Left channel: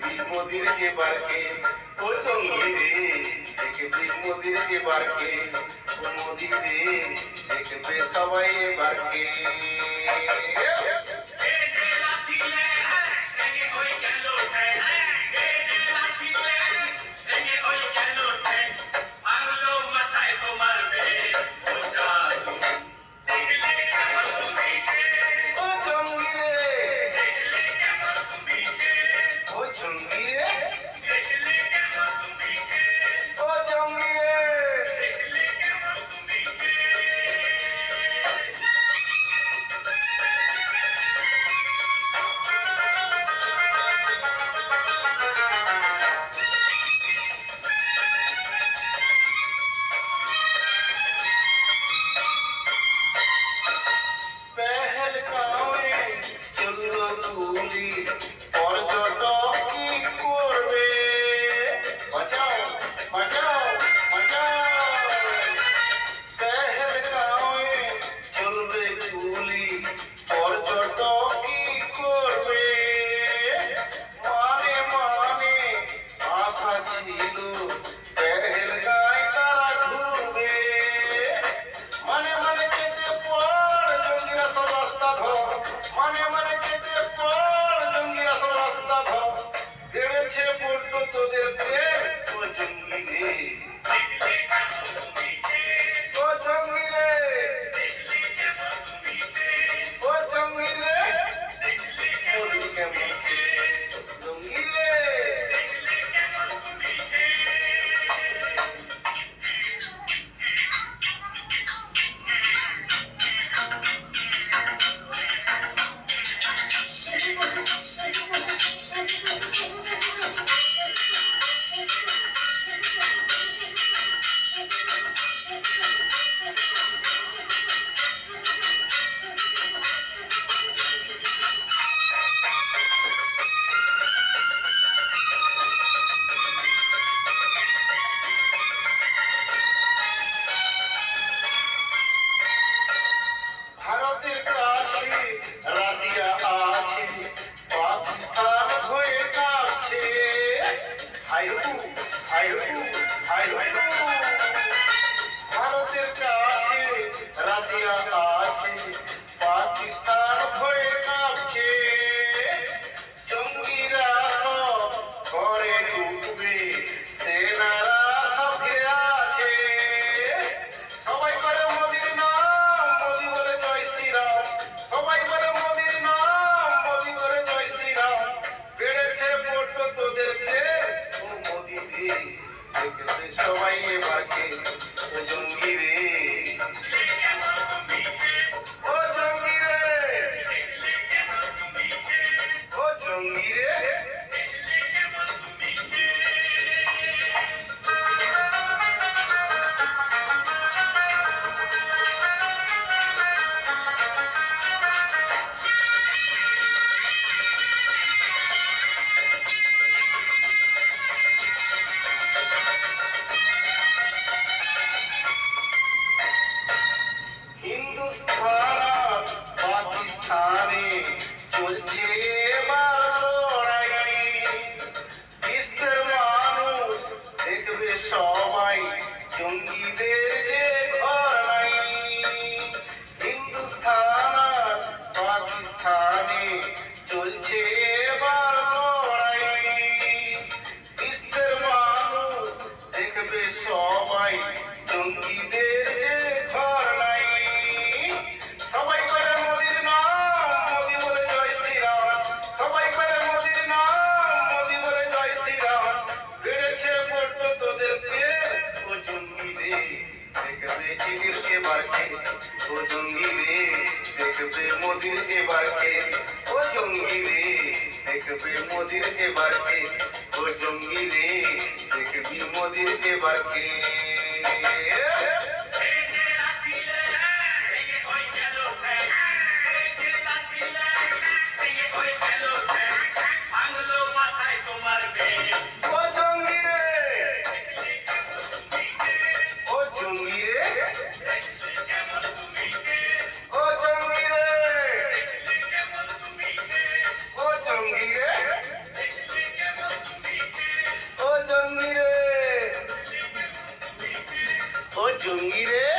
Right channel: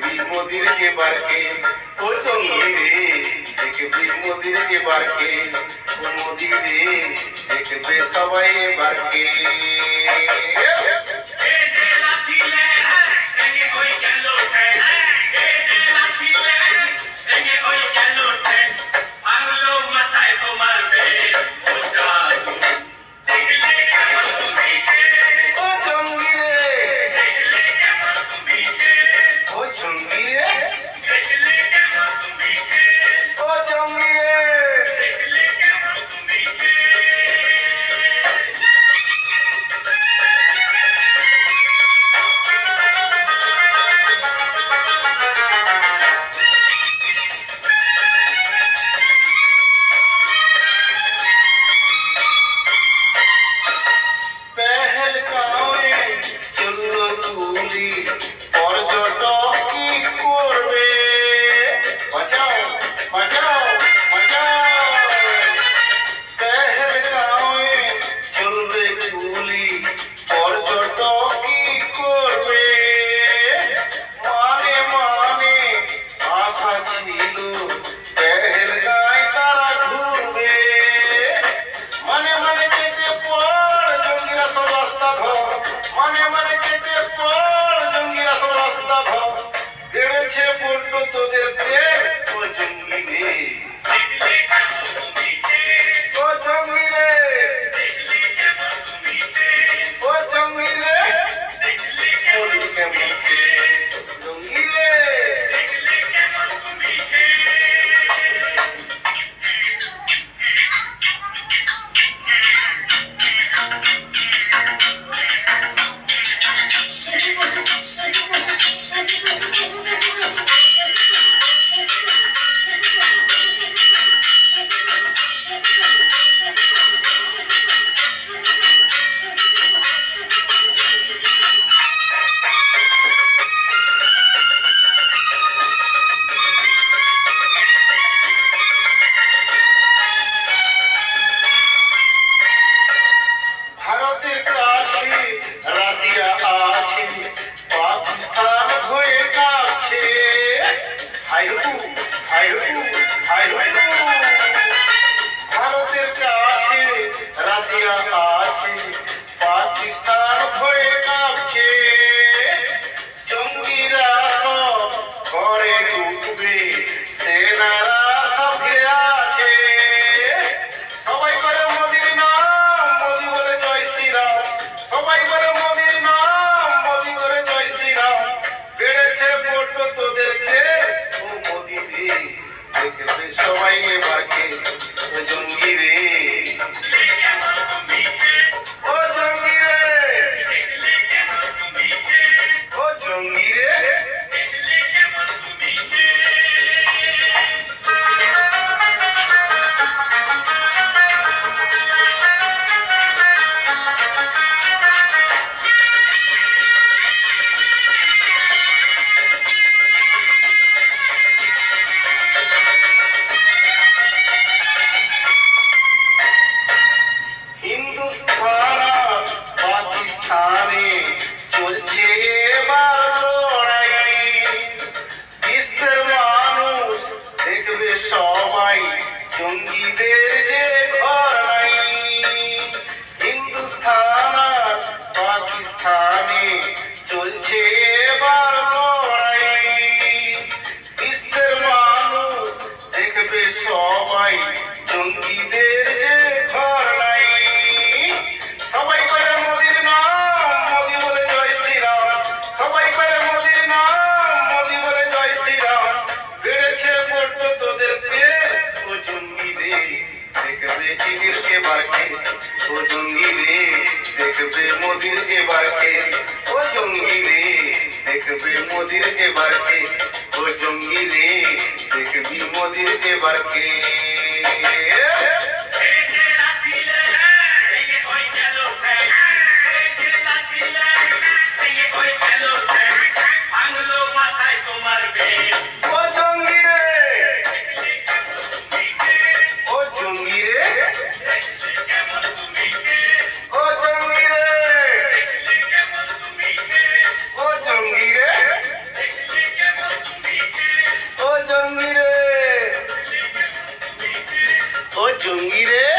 দেখবি মোদির এবারকে, ও জঙ্গি রে দেখবি মোদির এবারকে, ও মোদি রে দেখবে সবাই এবারকে। পর্যটক কি করবে, বাঁচাও বাঁচাও বাঁচাও। পেহেলগাঁওয়ে চলবে গুলি, পর্যটক কি করবে। মানে মানে আশা ছিল পেহেলগাঁয় তারা ঘুরবে। মানে মানে কেটে পড় জঙ্গিরা সব রাস্তা ধর, মানে মানে কেটে পড় জঙ্গিরা সব রাস্তা ধর। বেড়েছে বড্ড তোদের তেল, ও জঙ্গি রে ও জঙ্গি রে ও জঙ্গি রে মোদি কেমন জঙ্গি রে। ভারতের কাছে রাশিয়া আছে, পাকিস্তান হয়ে কাছে। হাইরু হাইরু হাইরু। ভারতের কাছে রাশিয়া আছে, পাকিস্তান হয়ে কাছে। জঙ্গিরা সব ঘরে ঢুকবে, সেনারা সব ঘিরে আছে। সবাই করে মোদির নাম, মোদি বলে জয় শ্রীরাম। সবাই করে মোদির নাম, মোদি বলে জয় শ্রীরাম। বেড়েছে বড্ড তোদের তেল, ও মোদি রে দেখবে সবাই এবারকে, ও জঙ্গি রে ও জঙ্গি রে ও জঙ্গি রে। হিন্দুস্তান আর পাকিস্তানে চলছে এবার লড়াই। বিশ্বের মানুষ দেখবে সবাই জঙ্গিদের যে ঘর নাই। হিন্দুস্তান আর পাকিস্তানে চলছে এবার লড়াই। বিশ্বের মানুষ দেখবে সবাই জঙ্গিদের যে ঘর নাই। সবাই করে মোদির নাম, মোদি বলে জয় শ্রীরাম। সবাই করে মোদির নাম, মোদি বলে জয় শ্রীরাম। বেড়েছে বড্ড তোদের তেল, ও জঙ্গি রে দেখবে চিনির এবারকে, ও জঙ্গি রে দেখবে মোদির এবারকে, ও জঙ্গি রে দেখবে মোদির এবারকে, ও জঙ্গি রে দেখবি মোদির এবারকে। জঙ্গি রে